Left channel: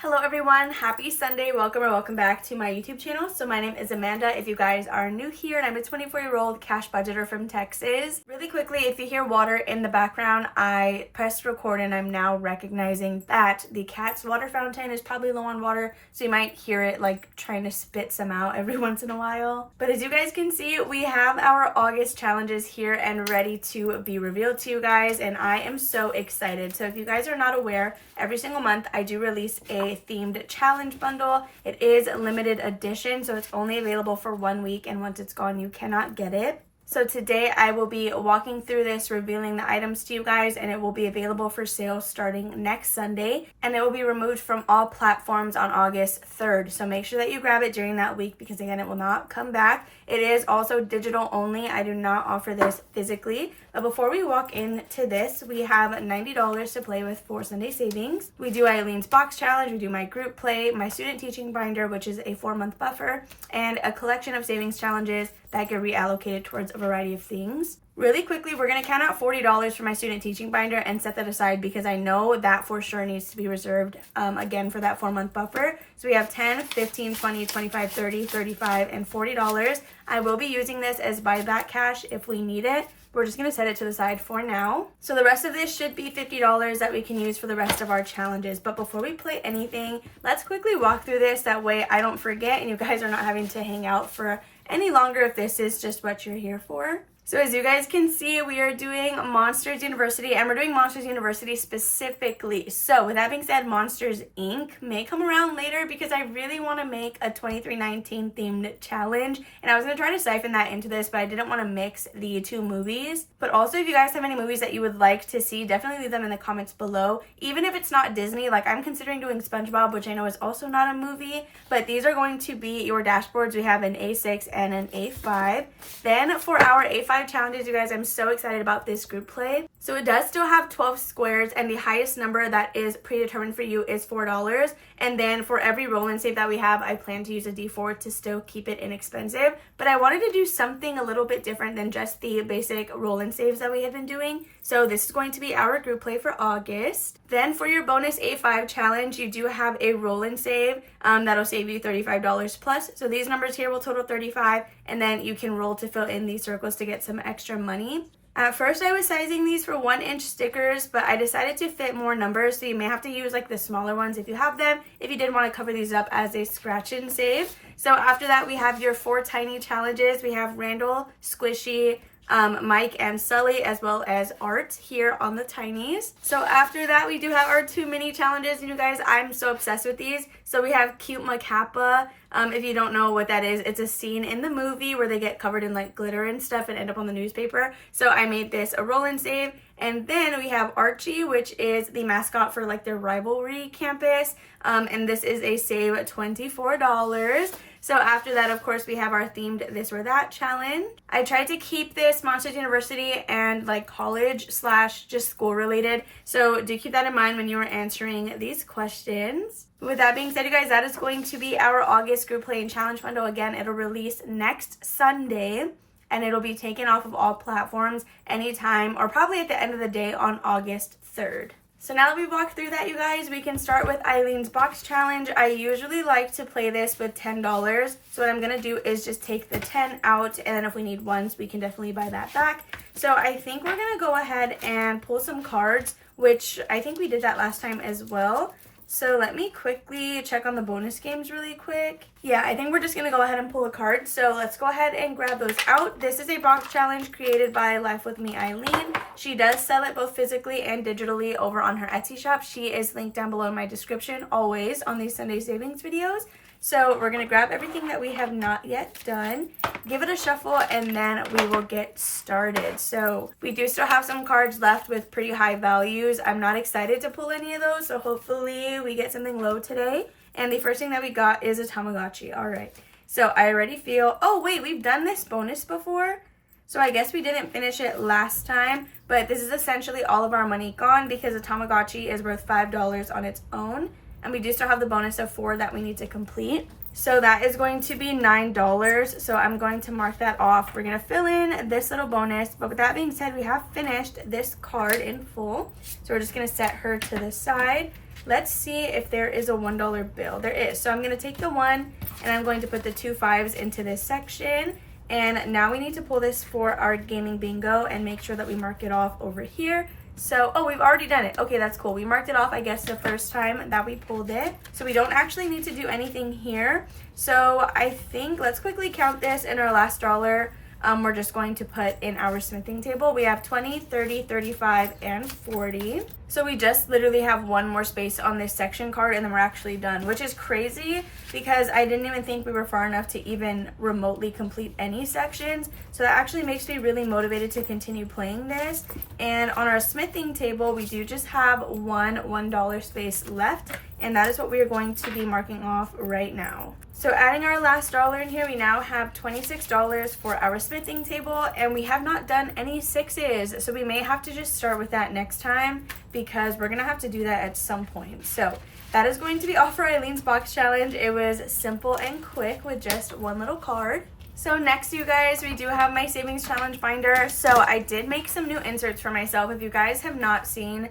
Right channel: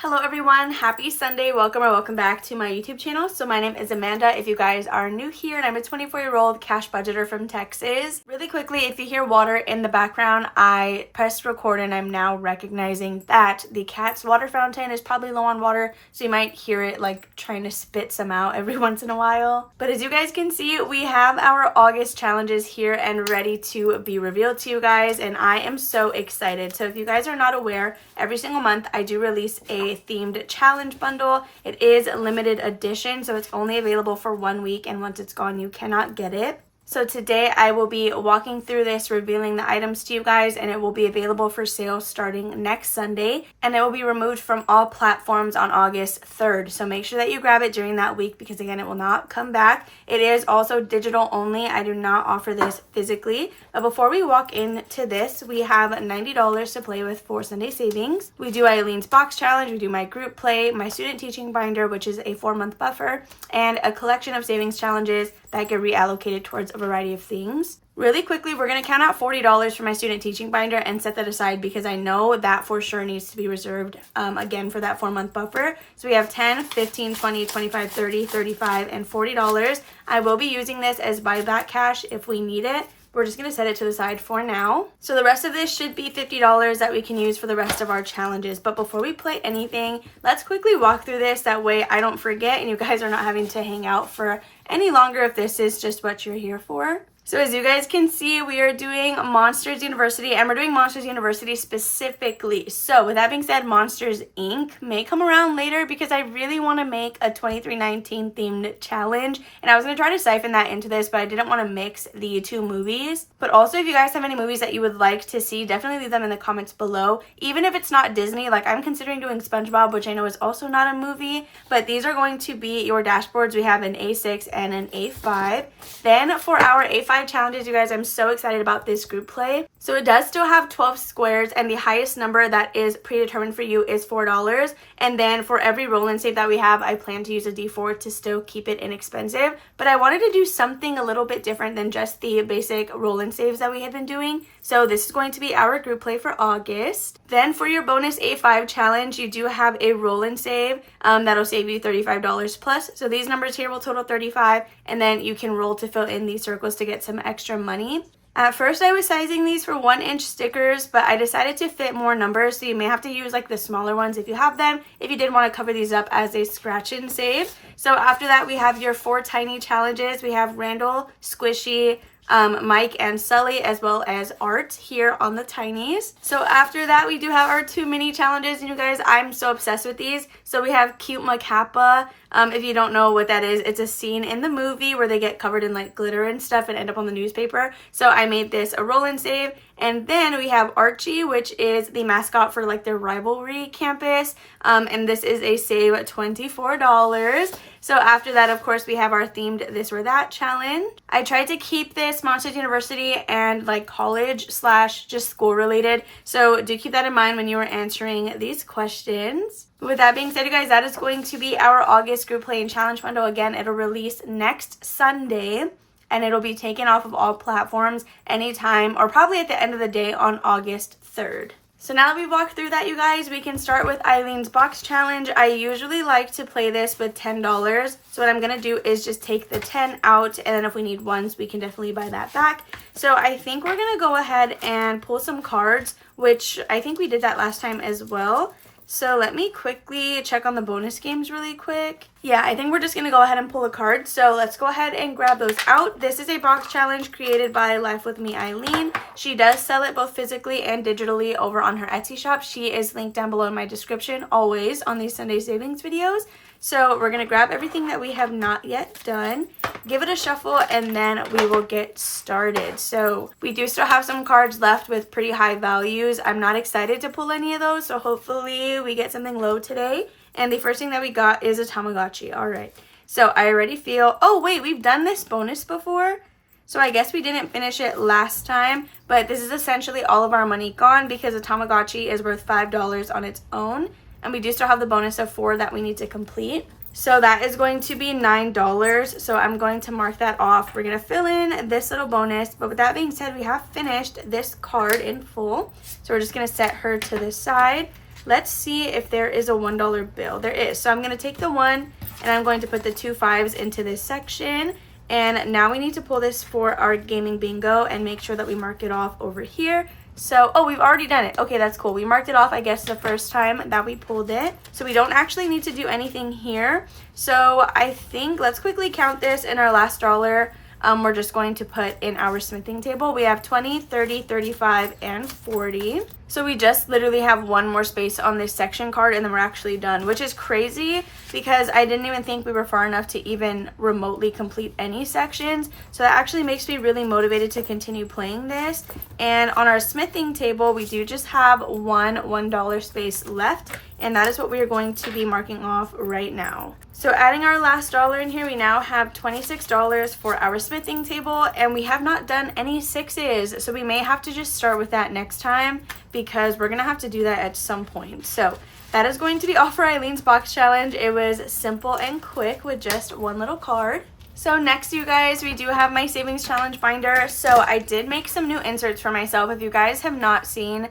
Hello everyone, happy Sunday, welcome back to my YouTube channel. So my name is Amanda if you guys are new here, and I'm a 24-year-old cash budgeter from Texas. Really quickly, if you hear water in the background, I pressed record and I'm now recognizing that the cat's water fountain is probably low on water, so you might hear it like trying to spit some out every once in a while. But as you guys can see, we have our August challenges here and ready to be revealed to you guys, and I am so excited. So if you guys are not aware, every single month I do release a themed challenge bundle. It is limited edition, so it's only available for 1 week, and once it's gone you cannot get it. So today I will be walking through this, revealing the items to you guys, and it will be available for sale starting next Sunday, and it will be removed from all platforms on August 3rd. So make sure that you grab it during that week because again, it will not come back. It is also digital only. I do not offer this physically. But before we walk into this, we have $90 to play with for Sunday savings. We do Eileen's box challenge, we do my group play, my student teaching binder, which is a 4-month buffer, and a collection of savings challenges that get reallocated towards a variety of things. Really quickly, we're going to count out $40 for my student teaching binder and set that aside because I know that for sure needs to be reserved again for that 4-month buffer. So we have 10, 15, 20, 25, 30, 35, and $40. I will be using this as buyback cash if we need it. We're just going to set it to the side for now. So the rest of this should be $50 that we can use for the rest of our challenges. But before we play anything, let's quickly walk through this. That way I don't forget and you guys are not having to hang out for any longer if this is just what you're here for. So as you guys can see, we are doing Monsters University, and we're doing Monsters University specifically. So with that being said, Monsters Inc. may come around later because I really want to make a 2319 themed challenge, and I was going to try to siphon that into this, but I didn't want to mix the two movies. But also, if you guys have any movies that you would like to see, definitely leave them in the comments below. Even if it's not Disney, like I'm considering doing SpongeBob, which I know is also not a movie, but these are going to be your dashboards. We have an A6 and an A5. Then for our A5 challenges, you guys, I'm so excited about this group play. So it does still have 12 squares, and the highest number that is predetermined for you is $4. And then for every roll and save that we have, I plan to use a D4 to still keep it inexpensive. But I wanted to do something a little bit different than just the basic roll and saves that we had been doing. So this is going to be our group play for August. Then for your bonus A5 challenge, you do have a roll and save that'll save you $35 plus. So these numbers here will total $35, and then you can roll to fill in these circles to get some extra money. At first I was sizing these for 1-inch stickers, but I decided to fit more numbers, so you may have to use like the smaller ones if you have them, if you did want to cover these up as a scratch and save. So after that, we have your 4 tiny challenges. We have Randall, Squishy, Mike, and Sully, as well as Art here on the tinies. So after that, we do have our 2 mini challenges, and you guys, I'm so obsessed with these. So we have Cute Macappa. If you don't know what that is, it's a scene in the movie where they get covered in like glitter and stuff and end up on the newspaper. So I made this a roll and save. And then we have Archie, which is the mascot for like their rivalry campus. And this is a save $24. So after that, of course, we have our themed This or That challenge. I tried to keep this Monsters University and like college / just school related. So do keep that in mind when you are answering these questions. With that being said, you guys, that is going to be our August group play and challenge bundle. Again, it'll release next Sunday, and it'll be taken off of all platforms anytime or probably at the end of the day on August 3rd. So now that we've walked through that, you guys, we can start with Eileen's box challenge. I usually like to play this with $10. So what I'm going to do is just take the 10 out, and then if we need ones, we can definitely buy that back. So I think we're going to go ahead and pull some cards, which I think we did that last time as well. So let me quickly check on the bonus games really quick. Yeah, I think we're just going to go ahead and pull a card. So let's go ahead and grab those out. This is a box challenge created by Life With Me Eileen. She does sell it both physically and digitally over on her Etsy shop. She is linked down below in my description, always on these Sunday savings videos. So we're going to grab everything that we have not yet done, give it a shuffle, and then we will get started. So we do still have some cards left with pretty high values. I'm not excited to pull any of those, so hopefully we get something low today. And the first thing that we got is a Tamagotchi. All right. So I already feel, oh wait, we've done this bonus before. So I guess we didn't finish it last time, but this is essentially all of our money gone because a Tamagotchi is worth $5 on its own. And we do still have the bonus of 4 that we need to complete. So that is going to be $9. So I'm going to mark that off. We're going to fill in this little bonus. But with that being said, we have finished this card in full. So we're just going to set her to the side. Let's see if there is a $1 bill. There is. So I'm going to take the 1 and I'm going to put the 2 5s into this section. And now we need to pull this for our gaming bingo and make sure that we mark it off over here. So, oh, we've already done it. Okay, that's cool. We marked it off, I guess, the first time that we pulled it. So we don't actually need to do anything here. So I think, let's quickly count this in our last dollar. We're just going to put in our smithing table. We have 20, 30, 35, and 40. So we just literally have one more space on this section card and then we're actually done, which is crazy because I didn't even think we were far enough to even remotely complete any sections. So that actually makes me really motivated to continue playing this. And on our smithing table, we do just have one $1 space left, and that is what we are going to be marking off right now. So adding our last dollar in here, we now have $26 for our smithing table, and we have not done any 6s. So we may have to just start with that next time because we're gonna have to do that at some point. So that is going to be all for Eileen's box challenge. It was simple and quick with just one little card. So next, you guys, we do have my savings challenge binder. So I did make some new inserts for myself. If you guys have not seen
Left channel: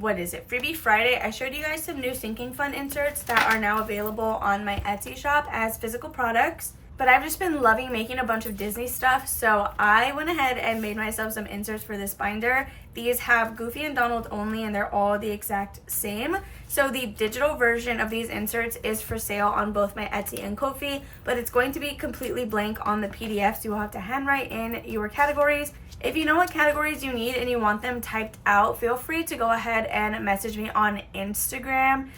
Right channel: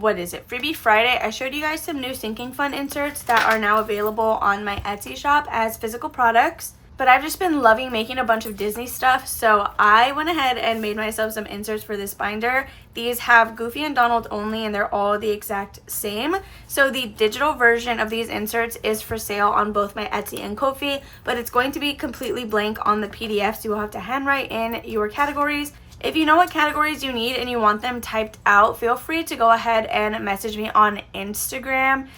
what is it, Freebie Friday, I showed you guys some new sinking fund inserts that are now available on my Etsy shop as physical products. But I've just been loving making a bunch of Disney stuff, so I went ahead and made myself some inserts for this binder. These have Goofy and Donald only, and they're all the exact same. So the digital version of these inserts is for sale on both my Etsy and Ko-fi, but it's going to be completely blank on the PDF, so you will have to handwrite in your categories. If you know what categories you need and you want them typed out, feel free to go ahead and message me on Instagram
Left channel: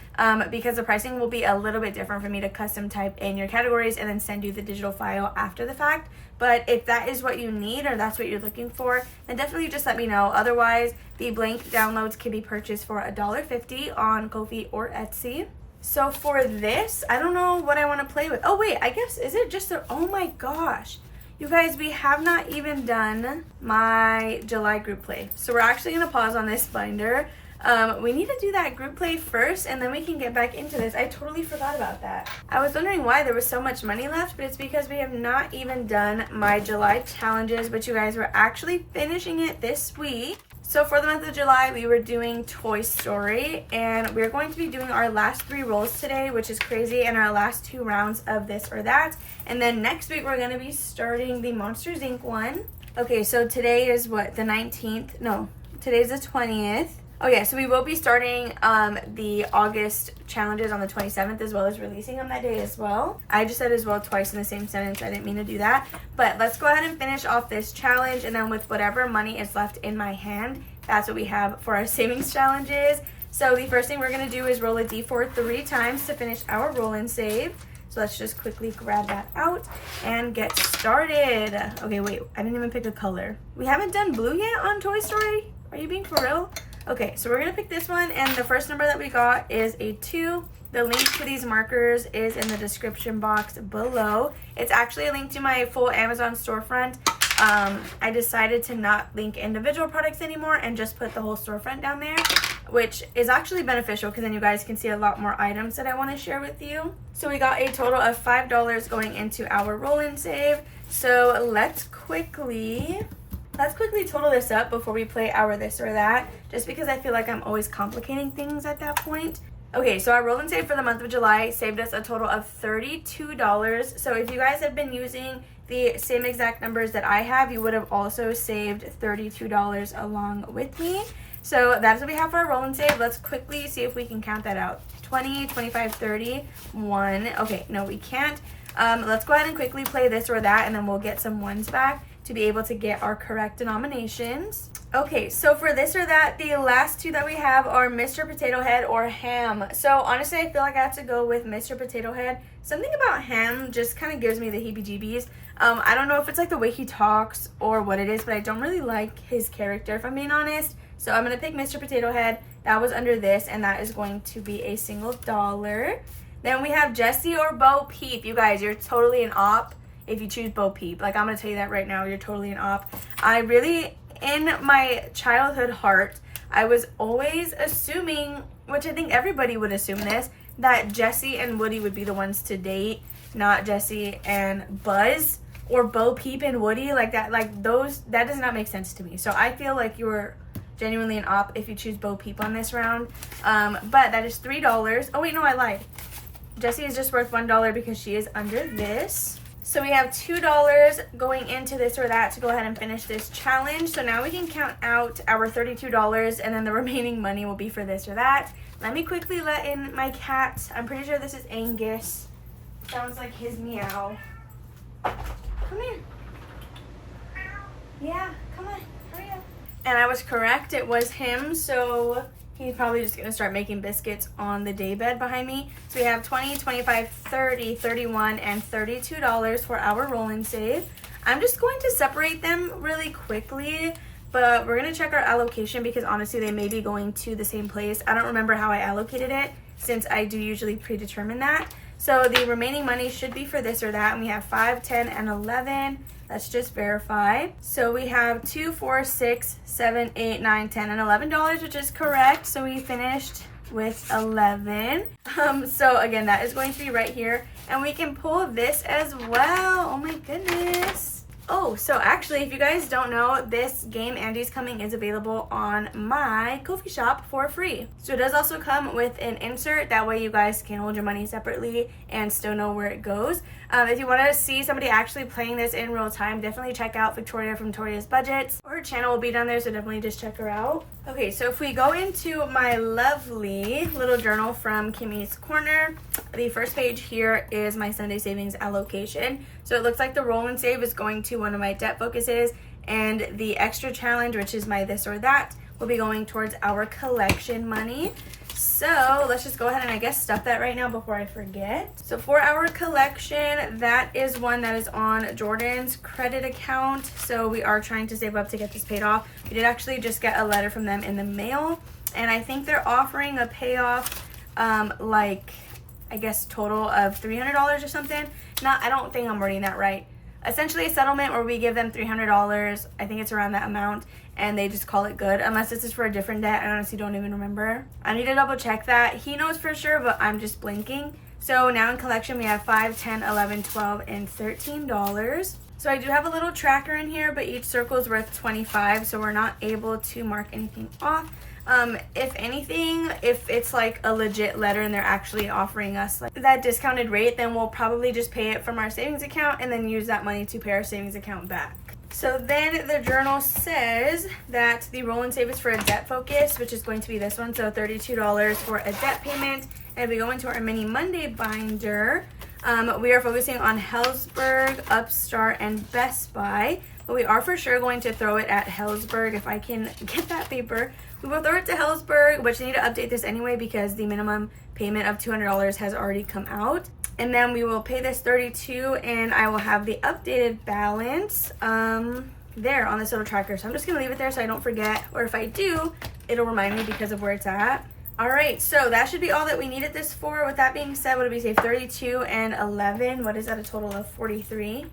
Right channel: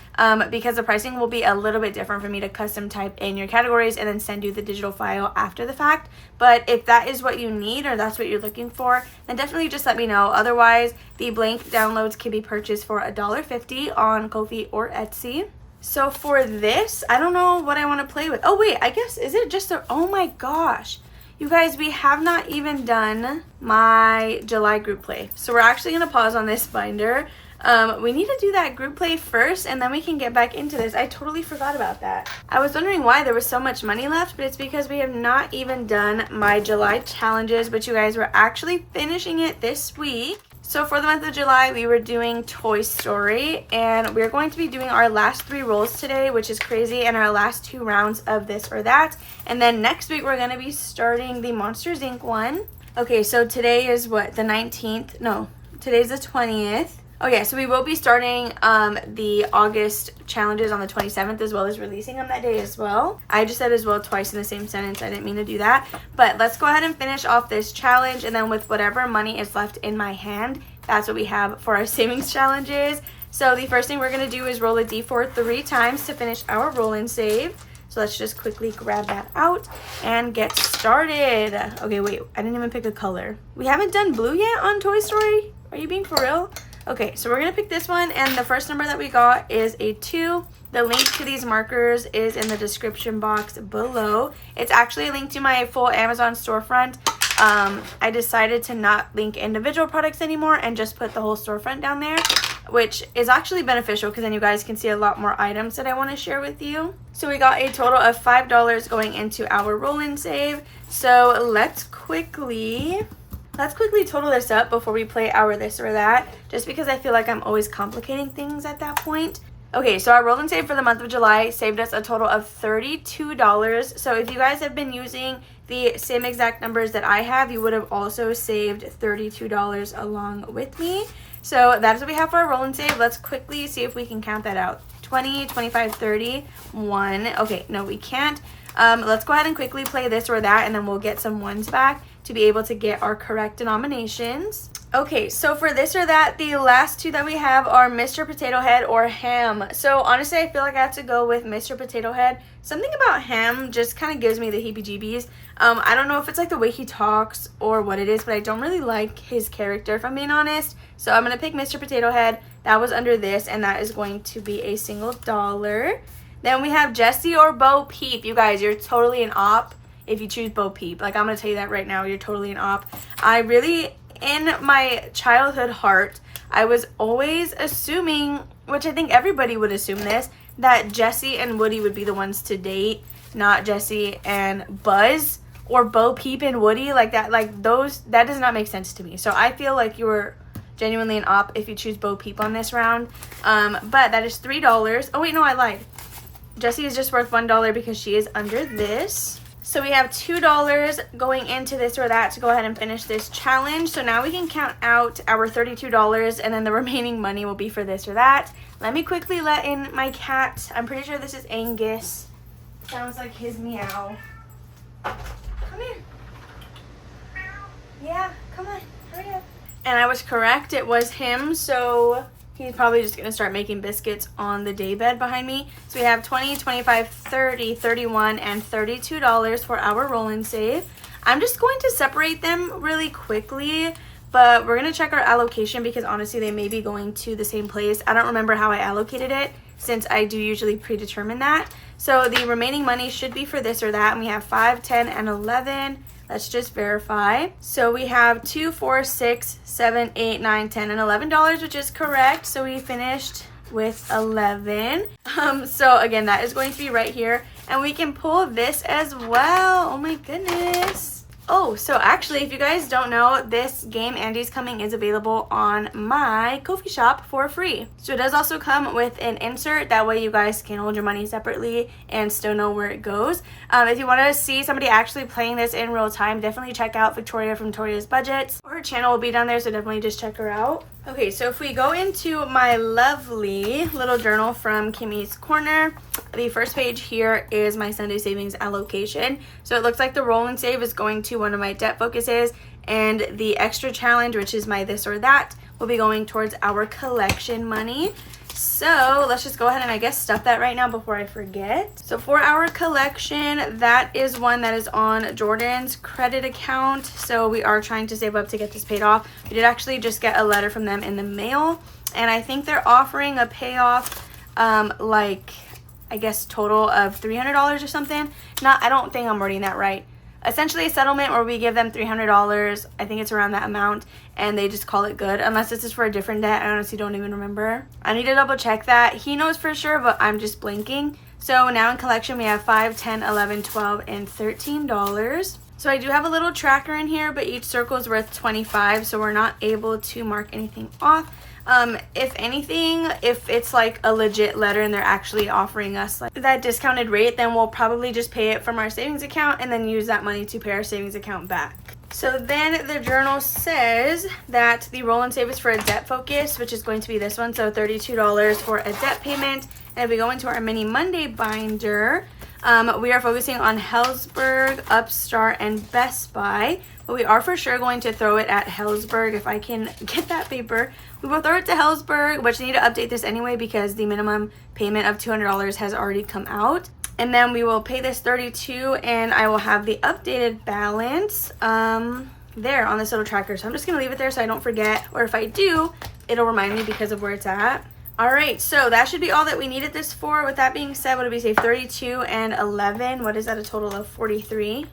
because the pricing will be a little bit different for me to custom type in your categories and then send you the digital file after the fact. But if that is what you need or that's what you're looking for, then definitely just let me know. Otherwise, the blank downloads can be purchased for $1.50 on Ko-fi or Etsy. So for this, I don't know what I want to play with. Oh wait, I guess, is it just a, oh my gosh. You guys, we have not even done my July group play. So we're actually going to pause on this binder. We need to do that group play first and then we can get back into this. I totally forgot about that. I was wondering why there was so much money left, but it's because we have not even done my July challenges, but you guys, were actually finishing it this week. So for the month of July, we were doing Toy Story, and we're going to be doing our last 3 rolls today, which is crazy, and our last 2 rounds of this or that. And then next week, we're going to be starting the Monsters, Inc. one. Okay, so today is what, the 19th? No, today's the 20th. Oh yeah, so we will be starting the August challenges on the 27th as well as releasing them that day as well. I just said as well twice in the same sentence. I didn't mean to do that. But let's go ahead and finish off this challenge, and then with whatever money is left in my hand, that's what we have for our savings challenges. So the first thing we're going to do is roll a d4 3 times to finish our roll and save. So let's just quickly grab that out and get started. Okay, wait, I didn't even pick a color. We haven't done blue yet on Toy Story? Are you being for real? Okay, so we're going to pick this one, and the first number that we got is a 2. The link to these markers is in the description box below. It's actually a link to my full Amazon storefront. I decided to not link individual products anymore and just put the whole storefront down there, which is actually beneficial because then you guys can see a lot more items that I want to share with you. So we got a total of $5 going into our roll and save. So let's quickly total this up before we play our this or that, just because I feel like I'm always complicating things at that point. Okay, so our roll and save for the month of July saved us a total of $32. So if you guys have been using the same exact numbers that I have, you would have also saved $32 along with me. So that's what we have for our roll and save. Let's quickly see if we can count that out. 20, 25, 30, 1. Okay, no, we can't. Let's go ahead and quickly play this or that, and then we'll get some ones back to be able to get our correct denominations. Okay, so for this or that, the last 2 that we have are Mr. Potato Head or Ham. So honestly, I feel like I have to go with Mr. Potato Head. Something about Ham just kind of gives me the heebie-jeebies. I don't know if it's like the way he talks or what it is, but I don't really like his character, if I'm being honest. So I'm going to pick Mr. Potato Head. That was under this, and that is going to be a single $1. Then we have Jessie or Bo Peep. You guys, you're totally an op if you choose Bo Peep. Like, I'm going to tell you that right now. You're totally an op. I really, in my childhood heart, I was always assuming, which I think everybody would assume this, that Jessie and Woody would be the ones to date, not Jessie and Buzz, or Bo Peep and Woody. Like that, like those, that does not make sense to me. So I feel like you're genuinely an op if you choose Bo Peep on this round. But that is $3. Oh wait, no, I lied. Jessie is just worth $1 because she is under this. So we have $2 going into this or that to go ahead and finish this challenge. So now we can count out our $32 and then the remaining money will be for this or that. Let me quickly let in my cat. I'm pretty sure this is Angus. Sounds like his meow. Come here. Yeah, come on, hurry up. And I was correct, it was him, so he's probably just gonna start making biscuits on the daybed behind me. So we have 20, 25, 30, 31, and $32 for our roll and save. I'm just going to separate them really quickly, but we're gonna check our allocation because honestly they may be going to the same place. I don't remember how I allocated it since I do usually predetermine that. So the remaining money should be for this or that, and we have 5, 10, and 11. Let's just verify. So we have 2, 4, 6, 7, 8, 9, 10, and $11, which is correct. So we finished with 11. So again, that is going to be right here. And we can pull this as well. Oh my goodness. Oh, so actually, if you guys don't know, this game, Andy's Coming, is available on my Ko-fi shop for free. So it does also come with an insert. That way you guys can hold your money separately and still know where it goes. If you want to see somebody actually playing this in real time, definitely check out Victoria from Victoria's Budgets. Her channel will be down there, so definitely just check her out. Okay, so if we go into my lovely little journal from Kimmy's Corner, the first page here is my Sunday savings allocation. So it looks like the roll and save is going to one of my debt focuses, and the extra challenge, which is my this or that, will be going towards our collection money. So let's just go ahead and I guess stuff that right now before I forget. So for our collection, that is one that is on Jordan's credit account. So we are trying to save up to get this paid off. We did actually just get a letter from them in the mail, and I think they're offering a payoff like I guess total of $300 or something. I don't think I'm wording that right. Essentially a settlement where we give them $300. I think it's around that amount, and they just call it good, unless this is for a different debt. I honestly don't even remember. I need to double check that. He knows for sure, but I'm just blinking. So now in collection we have 5, 10, 11, 12, and $13. So I do have a little tracker in here, but each circle is worth 25, so we're not able to mark anything off. If anything, if it's like a legit letter and they're actually offering us like that discounted rate, then we'll probably just pay it from our savings account and then use that money to pay our savings account back. So then the journal says that the roll and save is for a debt focus, which is going to be this one. So $32 for a debt payment. And if we go into our mini Monday binder, we are focusing on Helzberg, Upstart, and Best Buy. But we are for sure going to throw it at Helzberg if I can get that paper. We will throw it to Helzberg, which I need to update this anyway because the minimum payment of $200 has already come out. And then we will pay this $32, and I will have the updated balance there on this little tracker. So I'm just going to leave it there so I don't forget, or if I do, it'll remind me because of where it's at. All right, so that should be all that we needed this for. With that being said, what did we save? 32 and 11. What is that? A total of 43.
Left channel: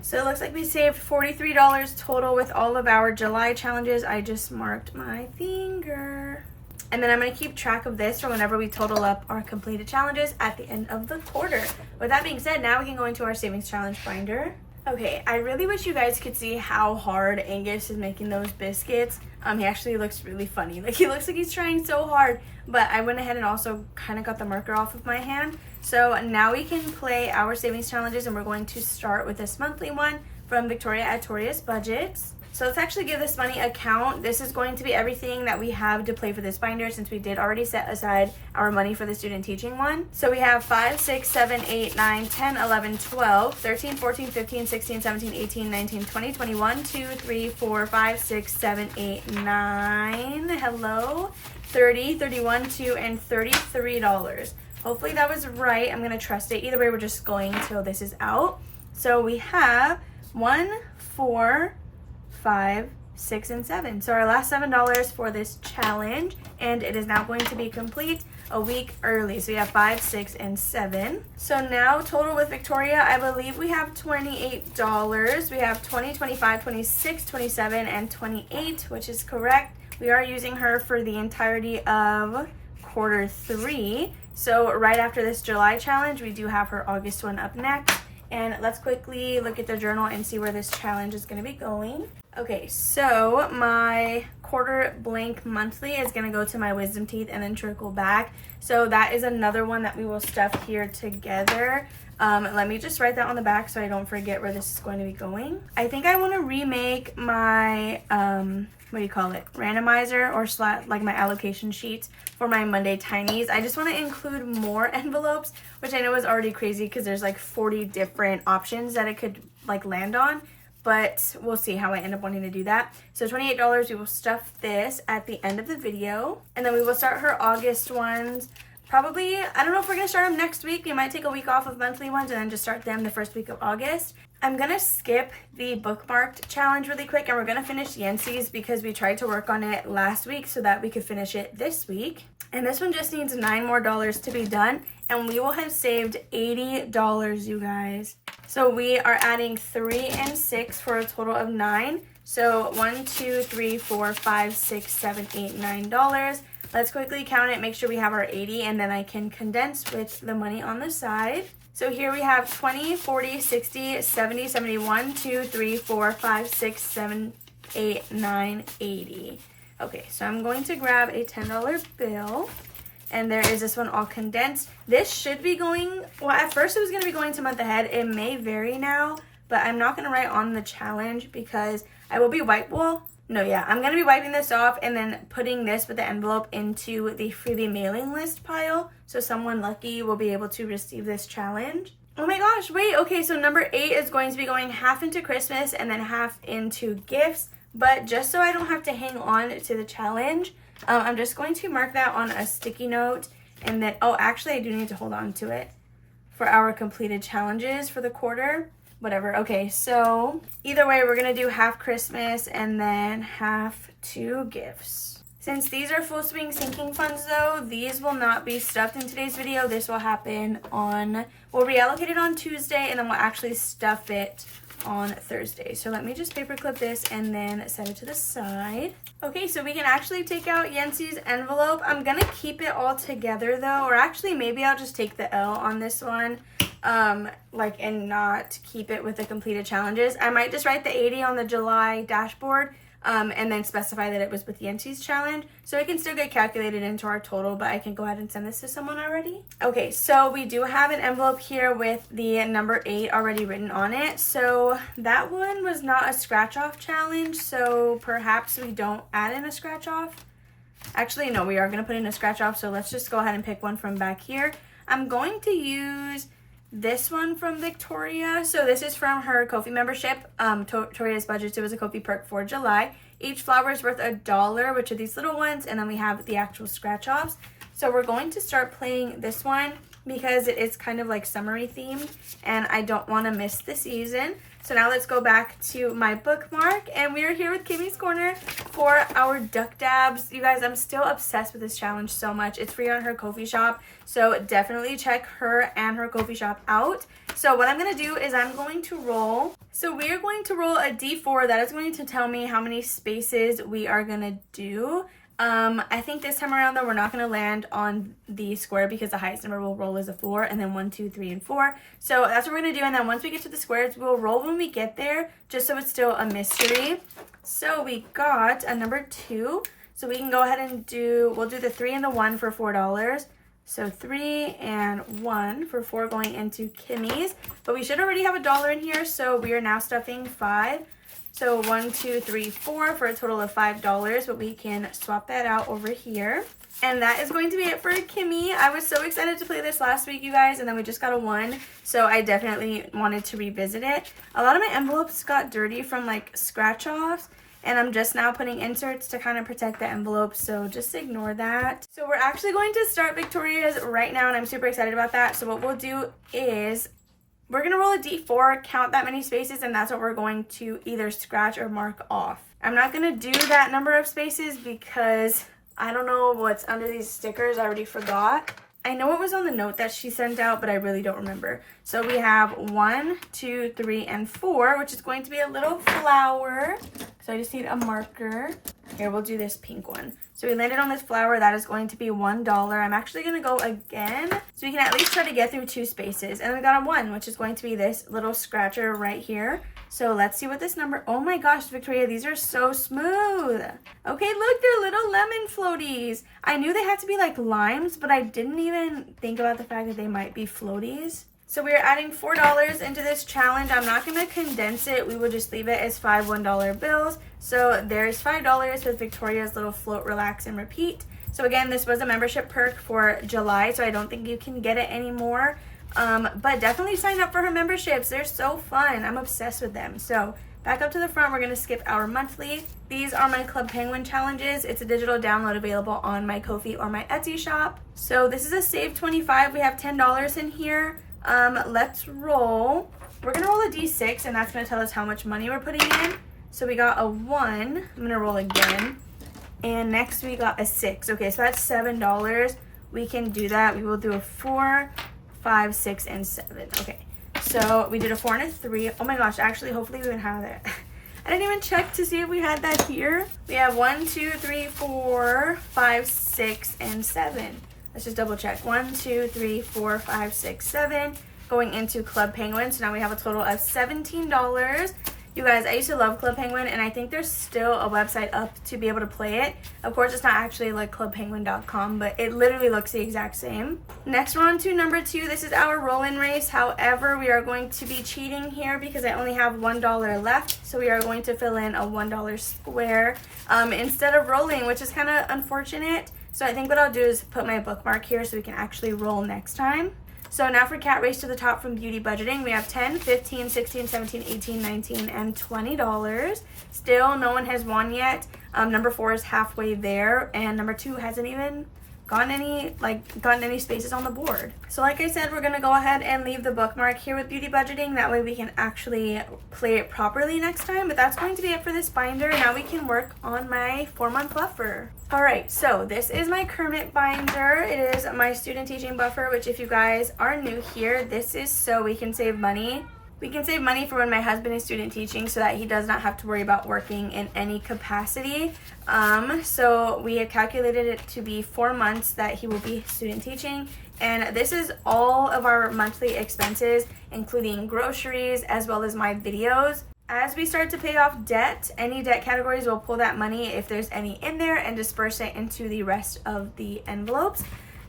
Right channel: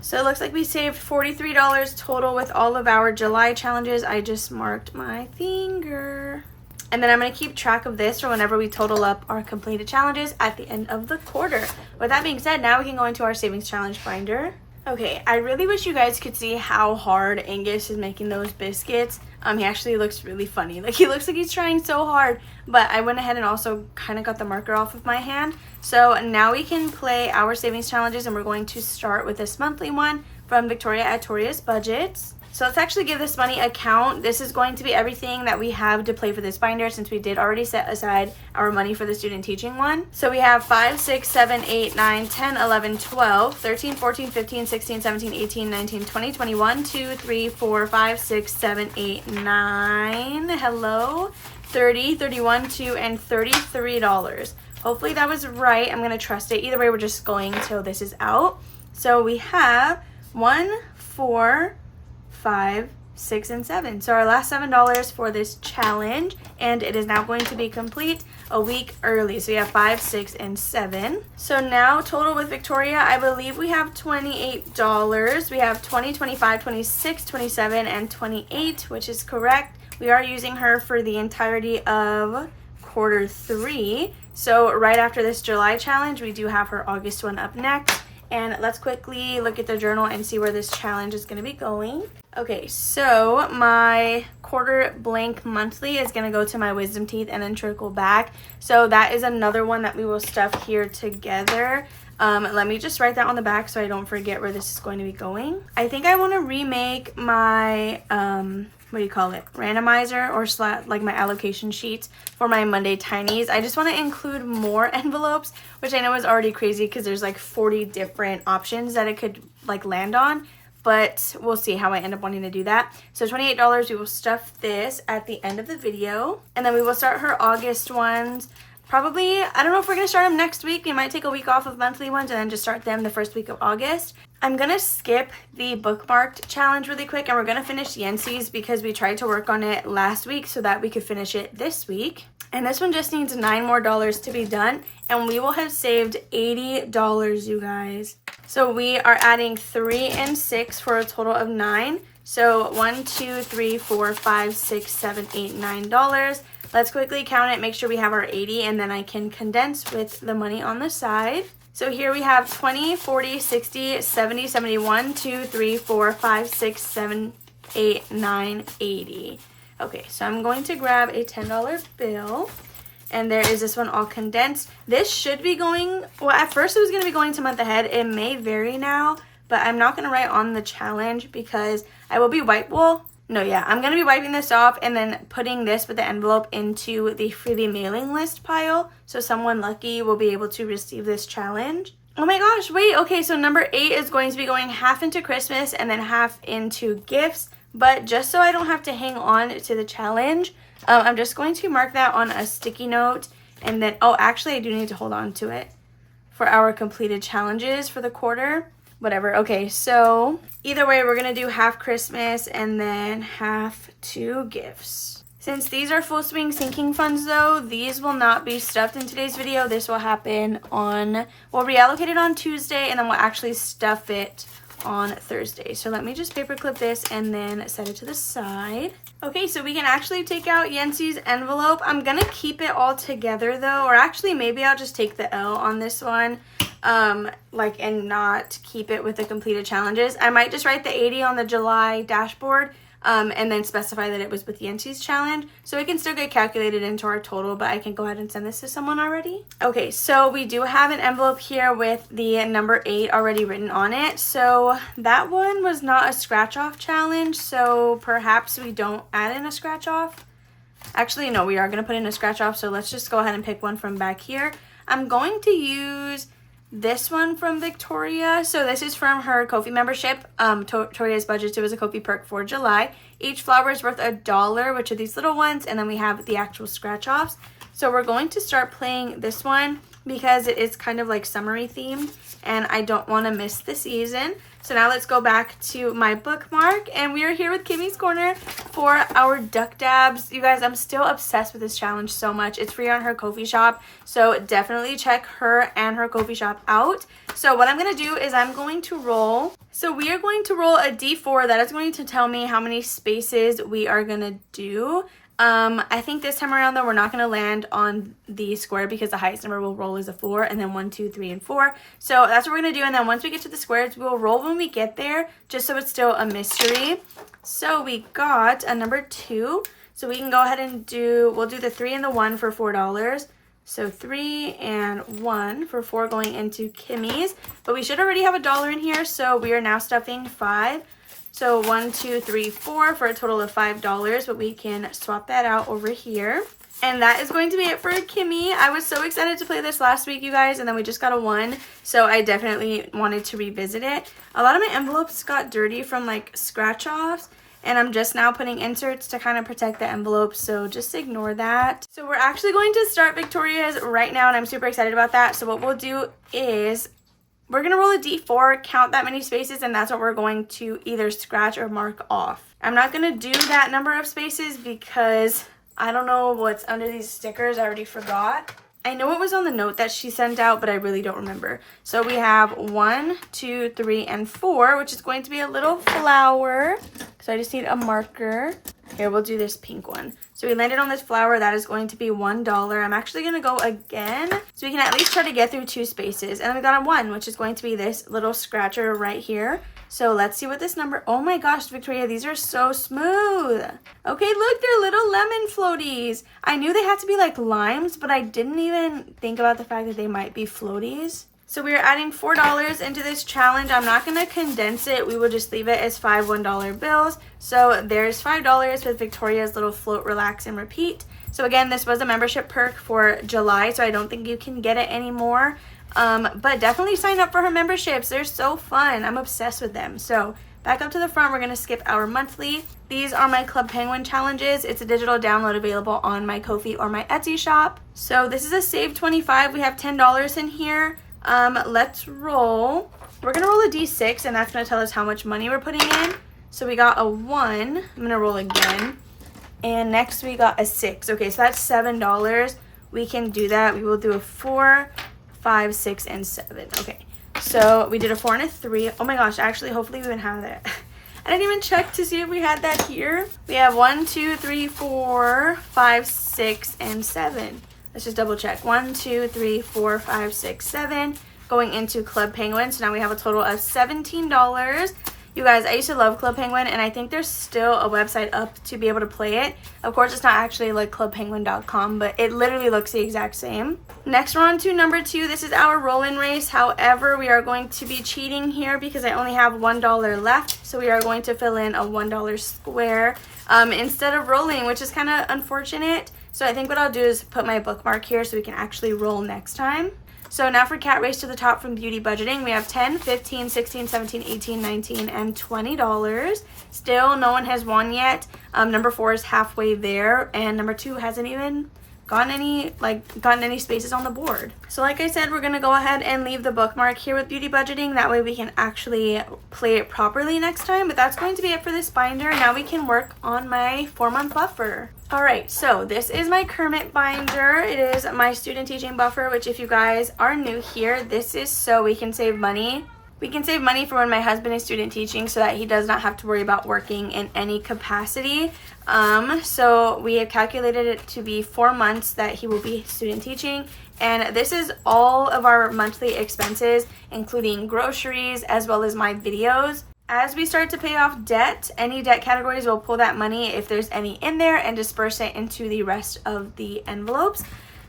So it looks like we saved $43 total with all of our July challenges. I just marked my finger. And then I'm going to keep track of this for whenever we total up our completed challenges at the end of the quarter. With that being said, now we can go into our savings challenge binder. Okay, I really wish you guys could see how hard Angus is making those biscuits. He actually looks really funny. Like, he looks like he's trying so hard. But I went ahead and also kind of got the marker off of my hand. So now we can play our savings challenges, and we're going to start with this monthly one from Victoria at Victoria's Budgets. So let's actually give this money a count. This is going to be everything that we have to play for this binder, since we did already set aside our money for the student teaching one. So we have 5, 6, 7, 8, 9, 10, 11, 12, 13, 14, 15, 16, 17, 18, 19, 20, 21, 2, 3, 4, 5, 6, 7, 8, 9. Hello. 30, 31, 2, and $33. Hopefully that was right. I'm going to trust it. Either way, we're just going until this is out. So we have 1, 4, 5, 6, and 7. So our last $7 for this challenge, and it is now going to be complete a week early. So we have 5, 6, and 7. So now total with Victoria, I believe we have $28. We have 20, 25, 26, 27, and 28, which is correct. We are using her for the entirety of quarter 3. So right after this July challenge, we do have her August one up next. And let's quickly look at the journal and see where this challenge is going to be going. Okay, so my quarter blank monthly is going to go to my wisdom teeth and then trickle back. So that is another one that we will stuff here together. Let me just write that on the back so I don't forget where this is going to be going. I think I want to remake my, what do you call it? Randomizer or like my allocation sheets for my Monday Tinies. I just want to include more envelopes, which I know is already crazy because there's like 40 different options that it could like land on. But we'll see how I end up wanting to do that. So $28, we will stuff this at the end of the video. And then we will start her August ones. Probably, I don't know if we're going to start them next week. We might take a week off of monthly ones and then just start them the first week of August. I'm going to skip the bookmarked challenge really quick and we're going to finish Yancey's because we tried to work on it last week so that we could finish it this week. And this one just needs $9 more to be done and we will have saved $80, you guys. So we are adding 3 and 6 for a total of 9. So 1, 2, 3, 4, 5, 6, 7, 8, $9. Let's quickly count it, make sure we have our 80, and then I can condense with the money on the side. So here we have 20, 40, 60, 70, 71, 2, 3, 4, 5, 6, 7, 8, 9, 80. Okay, so I'm going to grab a $10 bill. And there is this one all condensed. This should be going, well, at first it was going to be going to month ahead. It may vary now, but I'm not going to write on the challenge because I will be I'm going to be wiping this off and then putting this with the envelope into the freebie mailing list pile. So someone lucky will be able to receive this challenge. Oh my gosh, wait, okay, so number 8 is going to be going half into Christmas and then half into gifts. But just so I don't have to hang on to the challenge, I'm just going to mark that on a sticky note. And then, oh, actually, I do need to hold on to it for our completed challenges for the quarter. Whatever. Okay, so either way, we're going to do half Christmas and then half to gifts. Since these are full swing sinking funds, though, these will not be stuffed in today's video. This will happen on, we'll reallocate it on Tuesday, and then we'll actually stuff it on Thursday. So let me just paperclip this and then set it to the side. Okay, so we can actually take out Yancey's envelope. I'm going to keep it all together, though, or actually maybe I'll just take the L on this one. And not keep it with the completed challenges. I might just write the 80 on the July dashboard and then specify that it was with Yancey's challenge so it can still get calculated into our total, but I can go ahead and send this to someone already. Okay, so we do have an envelope here with the number 8 already written on it. So that one was not a scratch off challenge, so perhaps we don't add in a scratch off. Actually, no, we are going to put in a scratch off, so let's just go ahead and pick one from back here. I'm going to use this one from Victoria. So this is from her Ko-fi membership. Victoria's budget. It was a Ko-fi perk for July. Each flower is worth $1, which are these little ones, and then we have the actual scratch offs. So we're going to start playing this one because it is kind of like summery themed and I don't want to miss the season. So now let's go back to my bookmark and we are here with Kimmy's Corner for our duck dabs. You guys, I'm still obsessed with this challenge so much. It's free on her Ko-fi shop, so definitely check her and her Ko-fi shop out. So what I'm going to do is I'm going to roll. So we are going to roll a D4 that is going to tell me how many spaces we are going to do. I think this time around though we're not going to land on the square because the highest number we'll roll is a 4 and then 1, 2, 3, and 4. So that's what we're going to do, and then once we get to the squares we'll roll when we get there just so it's still a mystery. So we got a number 2, so we can go ahead and we'll do the 3 and the 1 for $4. So 3 and 1 for 4 going into Kimmy's, but we should already have $1 in here, so we are now stuffing 5. So 1, 2, 3, 4 for a total of $5, but we can swap that out over here. And that is going to be it for Kimmy. I was so excited to play this last week, you guys, and then we just got a 1, so I definitely wanted to revisit it. A lot of my envelopes got dirty from like scratch offs, and I'm just now putting inserts to kind of protect the envelope, so just ignore that. So we're actually going to start Victoria's right now, and I'm super excited about that. So what we'll do is we're going to roll a D4, count that many spaces, and that's what we're going to either scratch or mark off. I'm not going to do that number of spaces because I don't know what's under these stickers. I already forgot. I know it was on the note that she sent out, but I really don't remember. So we have 1, 2, 3, and 4, which is going to be a little flower. So I just need a marker. Here, we'll do this pink one. So we landed on this flower. That is going to be $1. I'm actually going to go again so we can at least try to get through 2 spaces. And then we got a 1, which is going to be this little scratcher right here. So let's see what this number, oh my gosh, Victoria, these are so smooth. Okay, look, they're little lemon floaties. I knew they had to be like limes, but I didn't even think about the fact that they might be floaties. So we are adding $4 into this challenge. I'm not going to condense it. We will just leave it as 5 $1 bills. So there's $5 with Victoria's little float, relax, and repeat. So again, this was a membership perk for July, so I don't think you can get it anymore. But definitely sign up for her memberships. They're so fun. I'm obsessed with them. So back up to the front, we're going to skip our monthly. These are my Club Penguin challenges. It's a digital download available on my Ko-fi or my Etsy shop. So this is a save 25. We have $10 in here. Let's roll. We're gonna roll a d6, and that's gonna tell us how much money we're putting in. So we got a 1. I'm gonna roll again, and next we got a 6. Okay, so that's $7. We can do that. We will do a 4, 5, 6, and 7. Okay, so we did a 4 and a 3. Oh my gosh, actually, hopefully we even have that. I didn't even check to see if we had that here. We have 1, 2, 3, 4, 5, 6, and 7. Let's just double check. 1, 2, 3, 4, 5, 6, 7. Going into Club Penguin. So now we have a total of $17. You guys, I used to love Club Penguin, and I think there's still a website up to be able to play it. Of course, it's not actually like clubpenguin.com, but it literally looks the exact same. Next, we're on to number 2. This is our roll-in race. However, we are going to be cheating here because I only have $1 left. So we are going to fill in a $1 square instead of rolling, which is kind of unfortunate. So I think what I'll do is put my bookmark here so we can actually roll next time. So now for Cat Race to the Top from Beauty Budgeting, we have $10, $15, $16, $17, $18, $19, and $20. Still, no one has won yet. Number 4 is halfway there, and number 2 hasn't even gotten any spaces on the board. So like I said, we're gonna go ahead and leave the bookmark here with Beauty Budgeting. That way we can actually play it properly next time. But that's going to be it for this binder. Now we can work on my 4-month buffer. All right, so this is my Kermit binder. It is my student teaching buffer, which if you guys are new here, this is so we can save money. We can save money for when my husband is student teaching so that he does not have to worry about working in any capacity. So we have calculated it to be 4 months that he will be student teaching. And this is all of our monthly expenses, including groceries as well as my videos. As we start to pay off debt, any debt categories will pull that money if there's any in there and disperse it into the rest of the envelopes.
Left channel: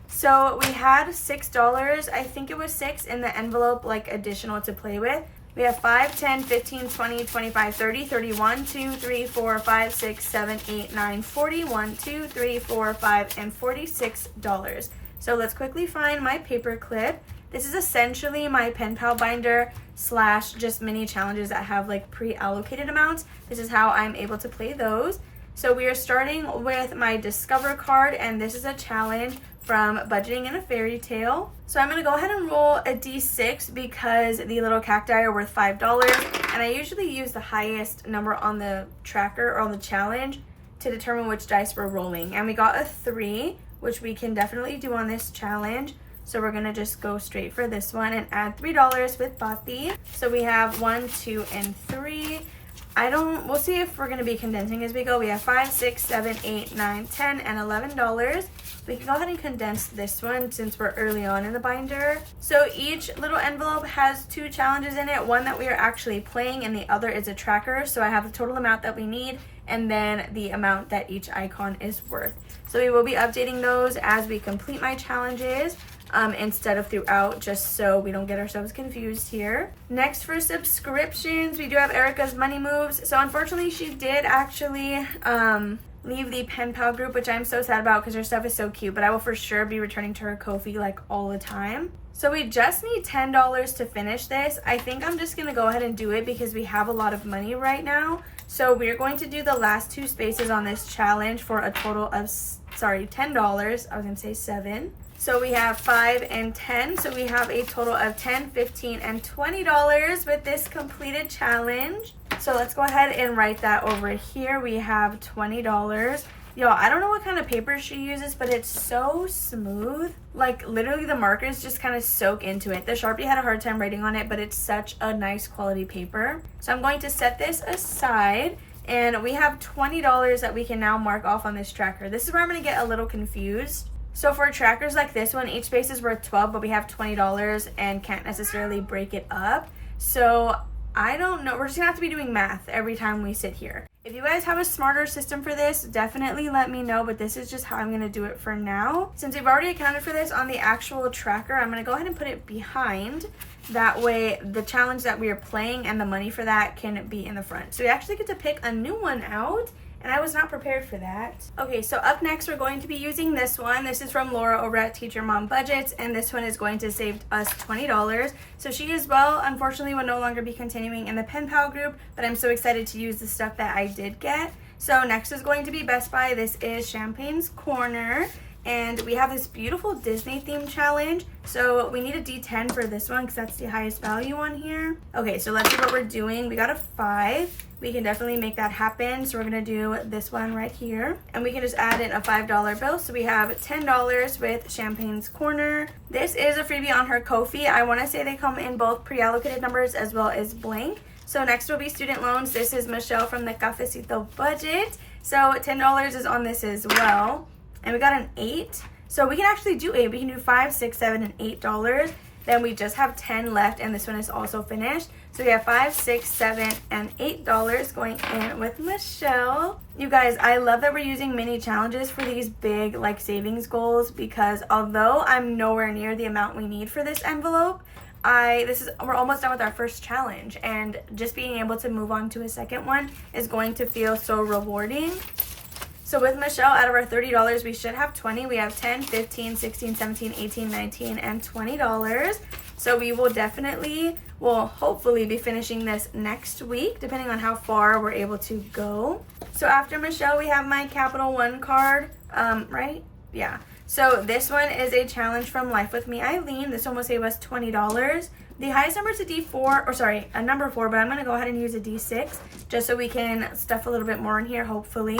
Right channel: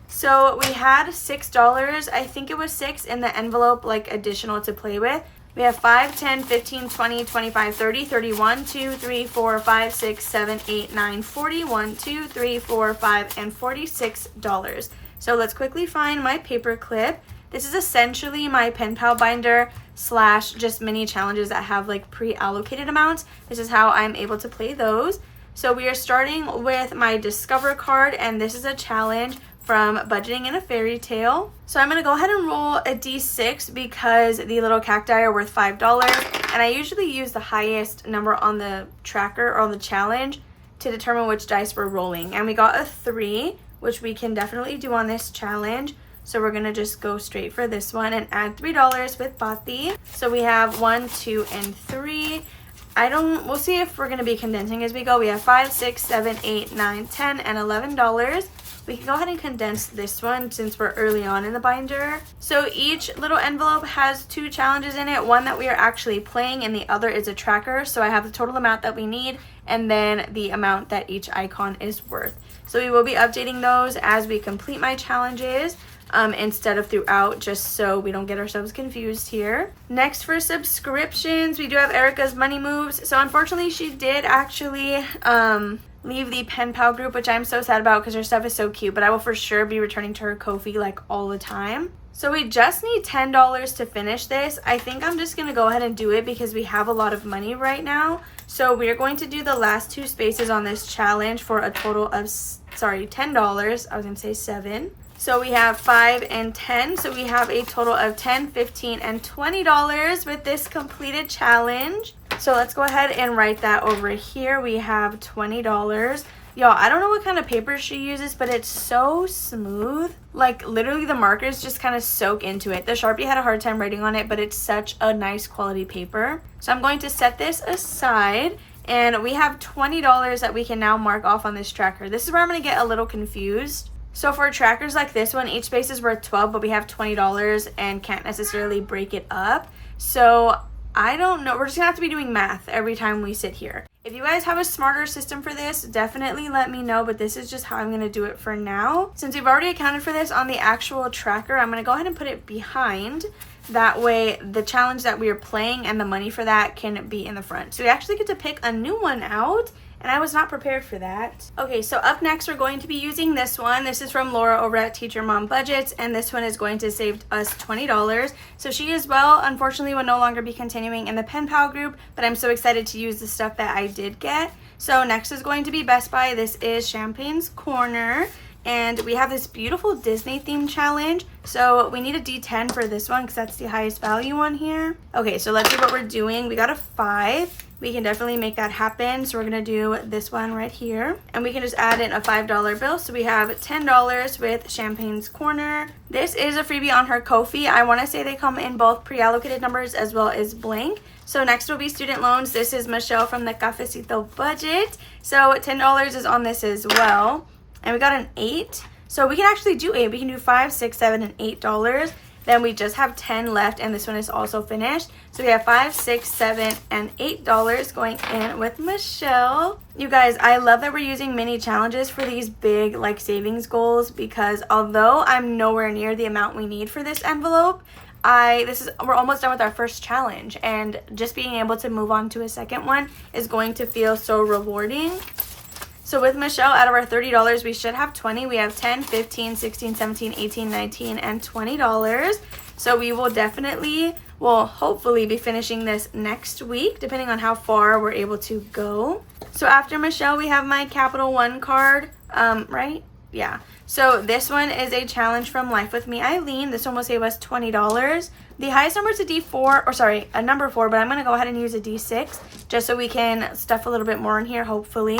So we had $6, I think it was 6 in the envelope, like additional to play with. We have 5, 10, 15, 20, 25, 30, 31, 2, 3, 4, 5, 6, 7, 8, 9, 40, 1, 2, 3, 4, 5, and $46. So let's quickly find my paper clip. This is essentially my pen pal binder / just mini challenges that have like pre-allocated amounts. This is how I'm able to play those. So we are starting with my Discover card, and this is a challenge from Budgeting in a Fairy Tale. So I'm going to go ahead and roll a d6 because the little cacti are worth $5, and I usually use the highest number on the tracker or on the challenge to determine which dice we're rolling. And we got a 3, which we can definitely do on this challenge. So we're going to just go straight for this one and add $3 with Bati. So we have 1, 2, and 3. We'll see if we're going to be condensing as we go. We have 5, 6, 7, 8, 9, 10, and $11. We can go ahead and condense this one since we're early on in the binder. So each little envelope has 2 challenges in it, one that we are actually playing and the other is a tracker. So I have the total amount that we need and then the amount that each icon is worth. So we will be updating those as we complete my challenges. Instead of throughout, just so we don't get ourselves confused here. Next, for subscriptions, we do have Erica's Money Moves. So unfortunately, she did actually leave the pen pal group, which I'm so sad about because her stuff is so cute, but I will for sure be returning to her Ko-fi like all the time. So we just need $10 to finish this. I think I'm just gonna go ahead and do it because we have a lot of money right now. So we're going to do the last 2 spaces on this challenge for a total of, $10. I was gonna say 7. So we have 5 and 10. So we have a total of $10, $15, and $20 with this completed challenge. So let's go ahead and write that over here. We have $20. Y'all, I don't know what kind of paper she uses, but it's so smooth. Like literally the markers just kind of soak into it. The Sharpie had a hard time writing on it, but it's such a nice quality paper. So I'm going to set this aside. And we have $20 that we can now mark off on this tracker. This is where I'm going to get a little confused. So for trackers like this one, each space is worth $12, but we have $20 and can't necessarily break it up. So I don't know. We're just going to have to be doing math every time we sit here. If you guys have a smarter system for this, definitely let me know, but this is just how I'm going to do it for now. Since we've already accounted for this on the actual tracker, I'm going to go ahead and put it behind. That way the challenge that we are playing and the money for that can be in the front. So we actually get to pick a new one out, and I was not prepared for that. Okay, so up next we're going to be using this one. This is from Laura over at Teacher Mom Budgets, and this one is going to save us $20. So she as well, unfortunately, will no longer be continuing in the Pen Pal group, but I'm so excited to use the stuff that I did get. So next is going to be Best Buy. This is Champagne's Corner. And we have this beautiful Disney theme challenge. So we need a D10 for this one because that's the highest value on here. Okay, so let's see what we're doing. We got a 5. We can definitely make that happen. So we're gonna do this one right here. And we can just add in a $5 bill. So we have $10 with Champagne's Corner. This is a freebie on her Ko-fi. I wanna say they come in both pre-allocated numbers as well as blank. So next will be student loans. This is Michelle from the Cafecito Budget. So $10 is on this as well. And we got an 8. So we can actually do 8. We can do 5, 6, 7, and $8. Then we just have 10 left, and this one is also finished. So we have 5, 6, 7, and $8 going in with Michelle. You guys, I love that we're using mini challenges for these big like savings goals, because although I'm nowhere near the amount we need for this envelope, we're almost done with our first challenge, and just being able to move on to a second one is going to feel so rewarding. So with Michelle, out of our $30, we should have 20. We have 10, 15, 16, 17, 18, 19, and $20. So we will hopefully be finishing this next week, depending on how far we're able to go. So after Michelle, we have my Capital One card, right? Yeah. So this one is a challenge from Life With Me Eileen. This one will save us $20. The highest number is a number 4, but I'm going to go ahead and use a D6 just so we can stuff a little bit more in here, hopefully.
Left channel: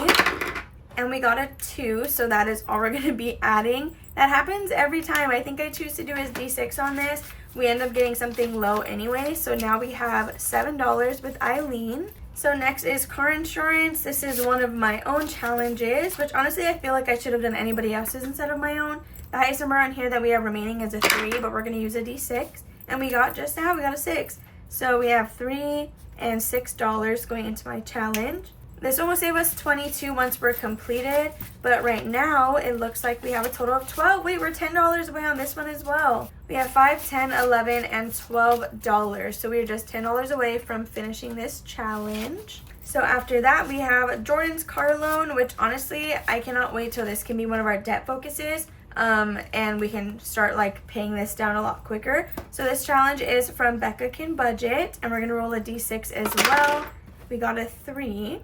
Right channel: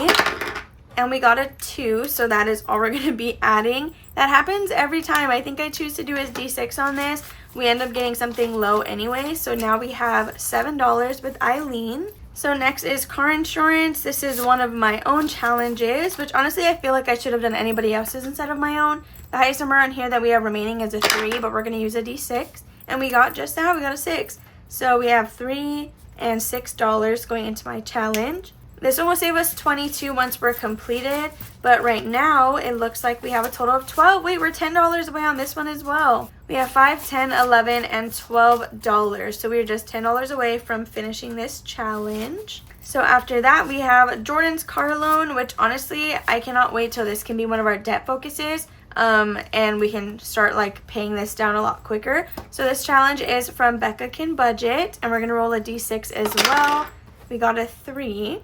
And we got a 2, so that is all we're going to be adding. That happens every time. I think I choose to do is D6 on this. We end up getting something low anyway. So now we have $7 with Eileen. So next is car insurance. This is one of my own challenges, which honestly I feel like I should have done anybody else's instead of my own. The highest number on here that we have remaining is a 3, but we're going to use a D6. And we got a 6. So we have $3 and $6 going into my challenge. This one will save us 22 once we're completed, but right now it looks like we have a total of 12. Wait, we're $10 away on this one as well. We have 5, 10, 11, and $12. So we're just $10 away from finishing this challenge. So after that, we have Jordan's car loan, which honestly, I cannot wait till this can be one of our debt focuses. And we can start like paying this down a lot quicker. So this challenge is from Becca Can Budget, and we're gonna roll a D6 as well. We got a 3.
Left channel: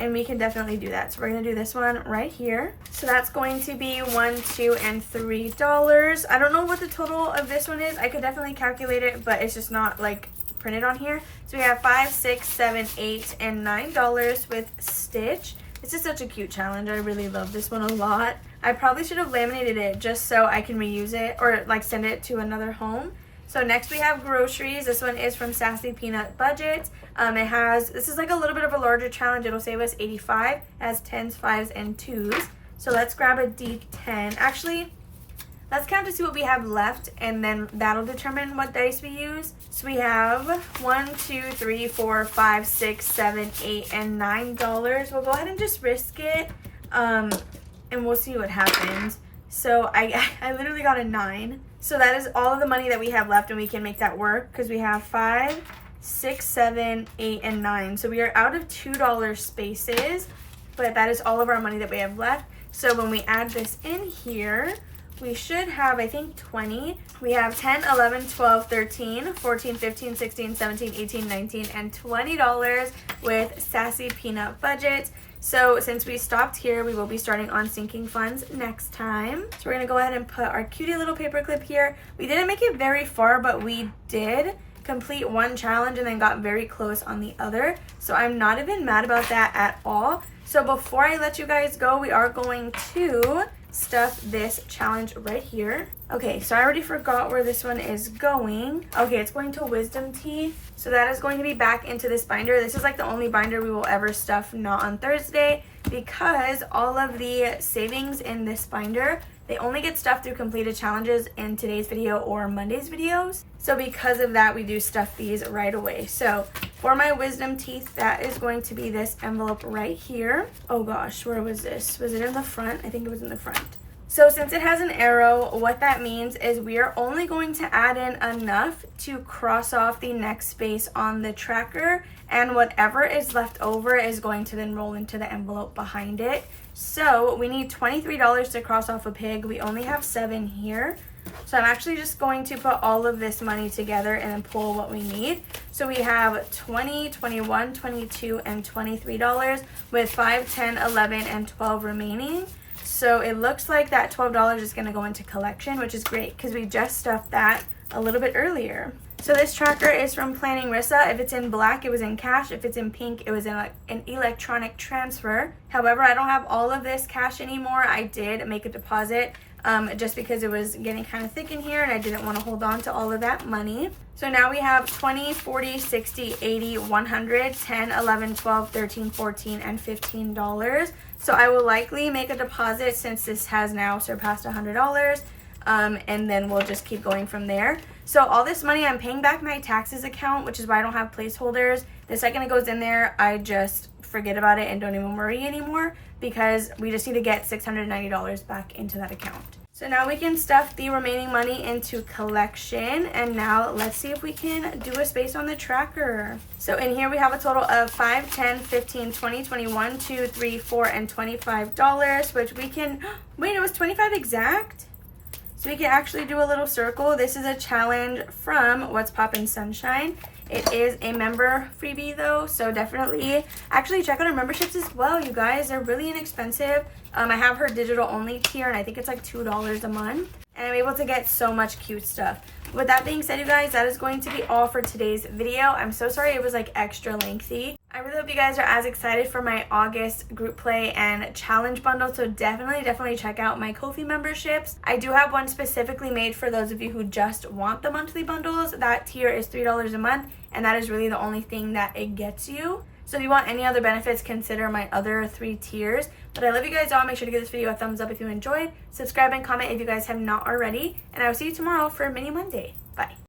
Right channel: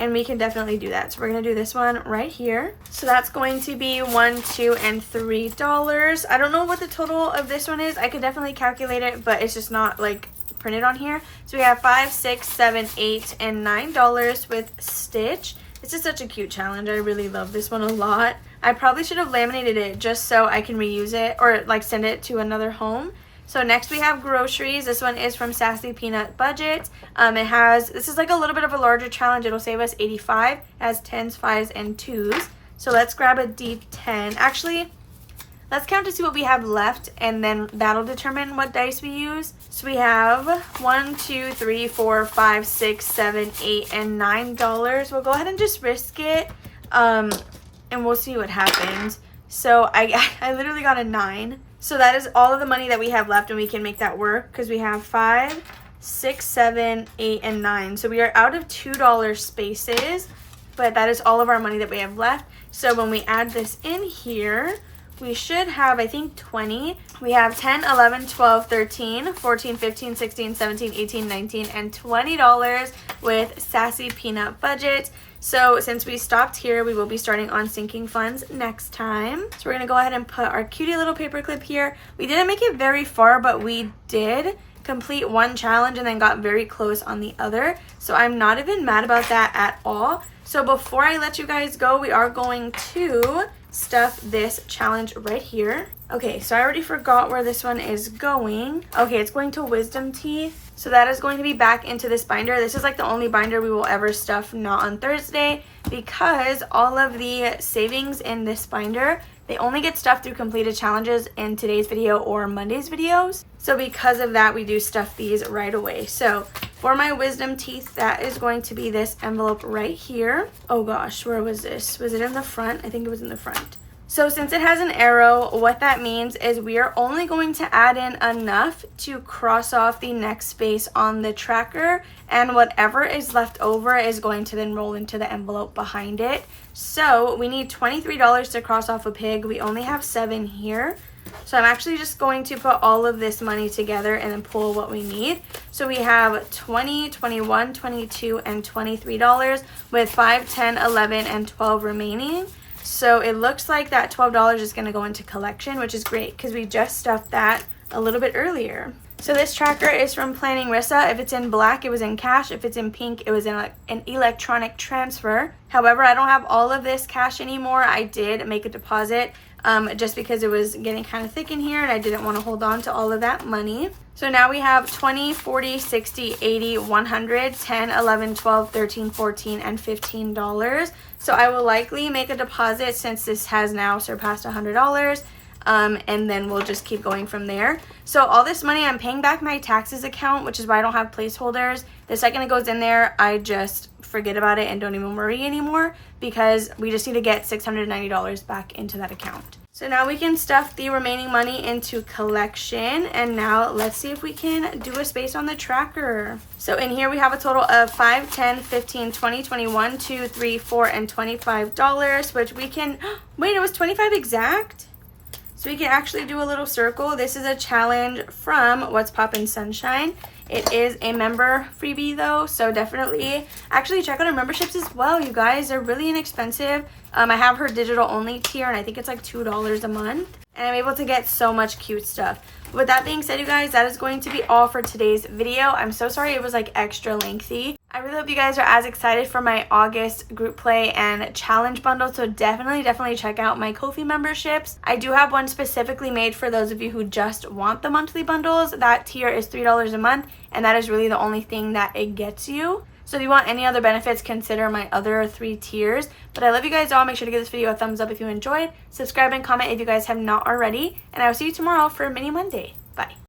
And we can definitely do that. So we're going to do this one right here. So that's going to be $1, $2, and $3. I don't know what the total of this one is. I could definitely calculate it, but it's just not like printed on here. So we have $5, $6, $7, $8, and $9 with Stitch. This is such a cute challenge. I really love this one a lot. I probably should have laminated it just so I can reuse it or like send it to another home. So next we have groceries. This one is from Sassy Peanut Budget. This is like a little bit of a larger challenge. It'll save us 85. It has 10s, 5s, and 2s. So let's grab a D10. Actually, let's count to see what we have left, and then that'll determine what dice we use. So we have 1, 2, 3, 4, 5, 6, 7, 8, and $9. We'll go ahead and just risk it, and we'll see what happens. So I literally got a 9. So that is all of the money that we have left, and we can make that work because we have 5, 6, 7, 8, and 9. So we are out of $2 spaces, but that is all of our money that we have left. So when we add this in here, we should have, I think, 20. We have 10, 11, 12, 13, 14, 15, 16, 17, 18, 19, and $20 with Sassy Peanut Budget. So since we stopped here, we will be starting on sinking funds next time. So we're going to go ahead and put our cutie little paperclip here. We didn't make it very far, but we did complete one challenge and then got very close on the other. So I'm not even mad about that at all. So before I let you guys go, we are going to stuff this challenge right here. Okay, so I already forgot where this one is going. Okay, it's going to Wisdom Teeth. So that is going to be back into this binder. This is like the only binder we will ever stuff not on Thursday, because all of the savings in this binder, they only get stuffed through completed challenges in today's video or Monday's videos. So because of that, we do stuff these right away. So for my wisdom teeth, that is going to be this envelope right here. Oh gosh, where was this? Was it in the front? I think it was in the front. So since it has an arrow, what that means is we are only going to add in enough to cross off the next space on the tracker, and whatever is left over is going to then roll into the envelope behind it. So we need $23 to cross off a pig. We only have 7 here. So I'm actually just going to put all of this money together and then pull what we need. So we have 20, 21, 22, and $23 with 5, 10, 11, and 12 remaining. So it looks like that $12 is going to go into collection, which is great because we just stuffed that a little bit earlier. So this tracker is from Planning Rissa. If it's in black, it was in cash. If it's in pink, it was in an electronic transfer. However, I don't have all of this cash anymore. I did make a deposit just because it was getting kind of thick in here and I didn't want to hold on to all of that money. So now we have 20, 40, 60, 80, 100, 10, 11, 12, 13, 14, and $15. So I will likely make a deposit since this has now surpassed $100. And then we'll just keep going from there. So all this money, I'm paying back my taxes account, which is why I don't have placeholders. The second it goes in there, I just forget about it and don't even worry anymore, because we just need to get $690 back into that account. So now we can stuff the remaining money into collection, and now let's see if we can do a space on the tracker. So in here we have a total of 5, 10, 15, 20, 21, 2, 3, 4, and $25, which we can, wait, it was 25 exact? So we can actually do a little circle. This is a challenge from What's Poppin' Sunshine. It is a member freebie though, so definitely actually check out our memberships as well, you guys. They're really inexpensive. I have her digital only tier and I think it's like $2 a month. And I'm able to get so much cute stuff. With that being said, you guys, that is going to be all for today's video. I'm so sorry it was like extra lengthy. I really hope you guys are as excited for my August group play and challenge bundle, so definitely check out my Ko-fi memberships. I do have one specifically made for those of you who just want the monthly bundles. That tier is $3 a month, and that is really the only thing that it gets you. So if you want any other benefits, consider my other 3 tiers. But I love you guys all. Make sure to give this video a thumbs up if you enjoyed. Subscribe and comment if you guys have not already. And I will see you tomorrow for Mini Monday. Bye.